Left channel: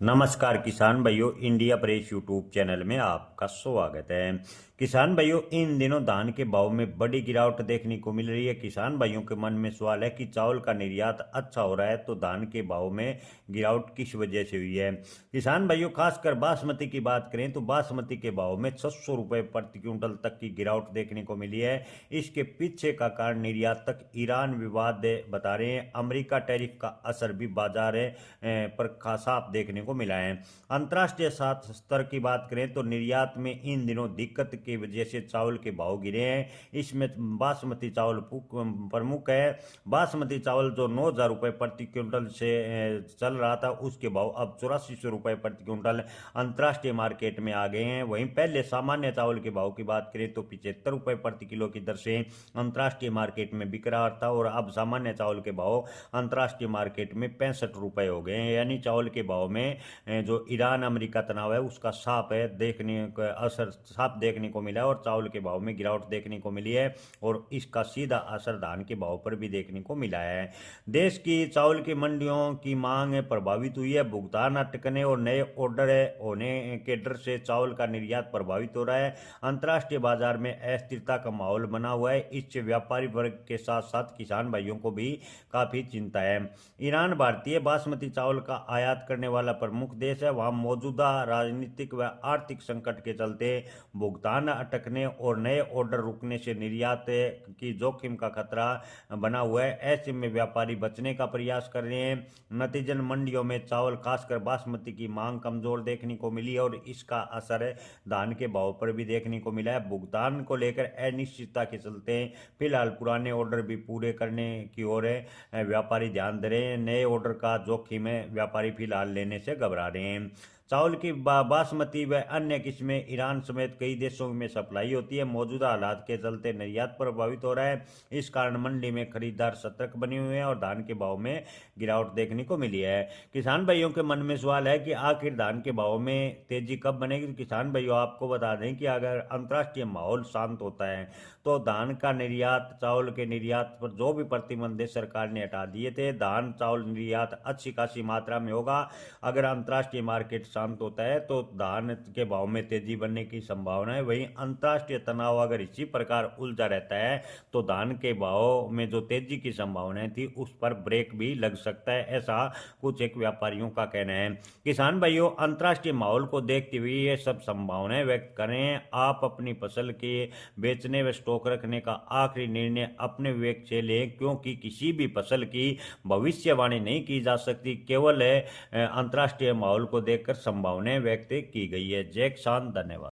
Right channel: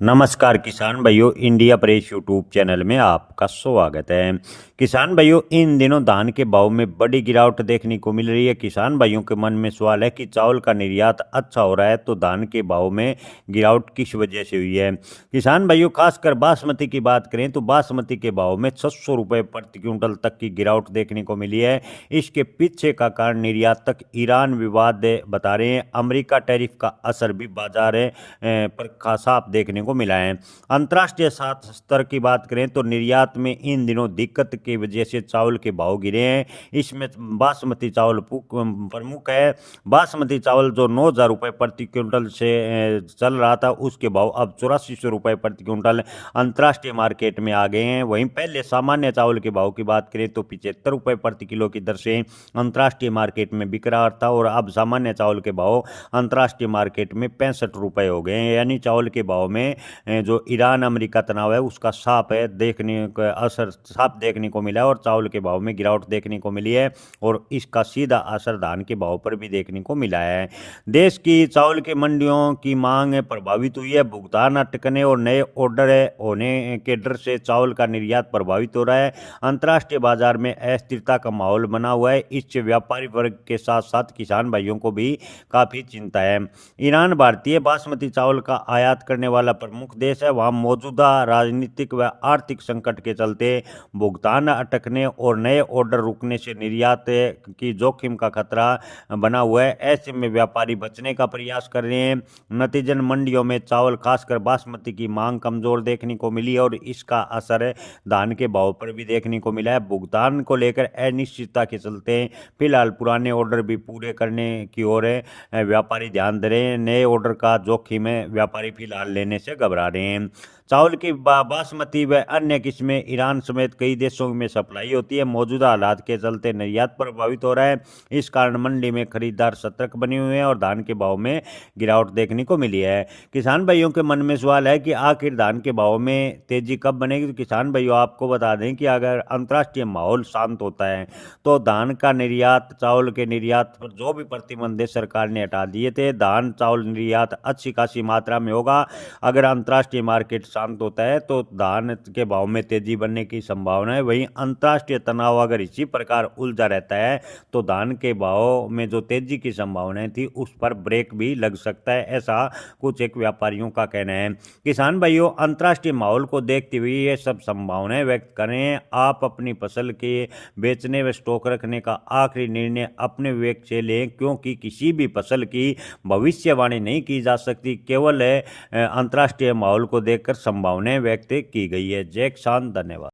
नमस्कार किसान भाइयों, इंडिया प्रेस यूट्यूब चैनल में आपका स्वागत है। किसान भाइयों, इन दिनों धान के भाव में बड़ी गिरावट देखने को मिल रही है। किसान भाइयों के मन में सवाल है कि चावल का निर्यात अच्छा हो रहा है तो धान के भाव में गिरावट किस वजह से हुई है। किसान भाइयों, खासकर बासमती की बात करें तो बासमती के भाव में 600 रुपये प्रति क्विंटल तक की गिरावट देखने को मिली है। इसके पीछे का कारण निर्यातक ईरान विवाद बता रहे हैं। अमेरिका टैरिफ का असर भी बाजार पर साफ देखने को मिला है। अंतर्राष्ट्रीय स्तर की बात करें तो निर्यात में इन दिनों दिक्कत की वजह से चावल के भाव गिरे हैं। इसमें बासमती चावल प्रमुख है। बासमती चावल जो 9,000 रुपये प्रति क्विंटल से चल रहा था, उसके भाव अब 8400 रुपये प्रति क्विंटल अंतर्राष्ट्रीय मार्केट में आ गए हैं। वहीं पहले सामान्य चावल के भाव की बात करें तो 75 रुपये प्रति किलो की दर से अंतर्राष्ट्रीय मार्केट में बिक रहा था और अब सामान्य चावल के भाव अंतर्राष्ट्रीय मार्केट में 65 रुपये हो गए हैं। यानी चावल के भाव में जो ईरान अमेरिका तनाव है उसका साफ है देखने का असर साफ देखने को मिला है और चावल के भाव में गिरावट देखने को मिली है और इसका सीधा असर धान के भाव पर भी देखने को मिला है। देश की चावल की मंडियों की मांग प्रभावित हुई है। भुगतान अटकने और नए ऑर्डर होने के डर से चावल का निर्यात प्रभावित हो रहा है। अंतर्राष्ट्रीय बाजार में अस्थिरता का माहौल बना हुआ है। इससे व्यापारी वर्ग के साथ साथ किसान भाइयों को भी काफ़ी चिंता है। ईरान भारतीय बासमती चावल का आयात करने वाला प्रमुख देश है। वहाँ मौजूदा राजनीतिक व आर्थिक संकट के चलते भुगतान अटकने और नए ऑर्डर रुकने से निर्यात की जोखिम का खतरा बना हुआ है। ऐसे में व्यापारी बचने का प्रयास कर रहे हैं। नतीजन मंडियों में चावल खासकर बासमती की मांग कमजोर देखने को मिली और इसका असर धान के भाव पर भी देखने को मिला है। भुगतान को लेकर अनिश्चितता के चलते फिलहाल पुराने ऑर्डर भी पूरे करने की ओर व्यापारी ध्यान दे रहे हैं। नए ऑर्डर का जोखिम व्यापारी फिलहाल लेने से घबरा रहे हैं। चावल की बासमती व अन्य किस्में ईरान समेत कई देशों में सप्लाई होती है। मौजूदा हालात के चलते निर्यात प्रभावित हो रहा है। इस कारण मंडी में खरीदार सतर्क बने हुए हैं और धान के भाव में गिरावट देखने को मिली है। किसान भाइयों के मन में सवाल है कि आखिर धान के भाव में तेजी कब बनेगी। तो किसान भाइयों, आपको बता दें कि अगर अंतर्राष्ट्रीय माहौल शांत होता है तो धान का निर्यात, चावल के निर्यात पर जो भी प्रतिबंध सरकार ने हटा दिए थे, धान चावल निर्यात अच्छी खासी मात्रा में होगा। अगर अंतर्राष्ट्रीय मार्केट शांत होता है तो धान के भाव में तेजी बनने की संभावना है। वहीं अंतर्राष्ट्रीय तनाव अगर इसी प्रकार उलझा रहता है तो धान के भाव में जो तेजी की संभावनाएं थी उस पर ब्रेक भी लग सकता है, ऐसा कुछ एक व्यापारियों का कहना है। किसान भाइयों, अंतर्राष्ट्रीय माहौल को देखते हुए ये सब संभावनाएं व्यक्त करें। आप अपनी फसल के बेचने व स्टॉक रखने का आखिरी निर्णय अपने विवेक से लें, क्योंकि किसी भी फसल की भविष्यवाणी नहीं की जा सकती, केवल अंतर्राष्ट्रीय माहौल को देखकर संभावनाएं व्यक्त की गई है। जय किसान, धन्यवाद।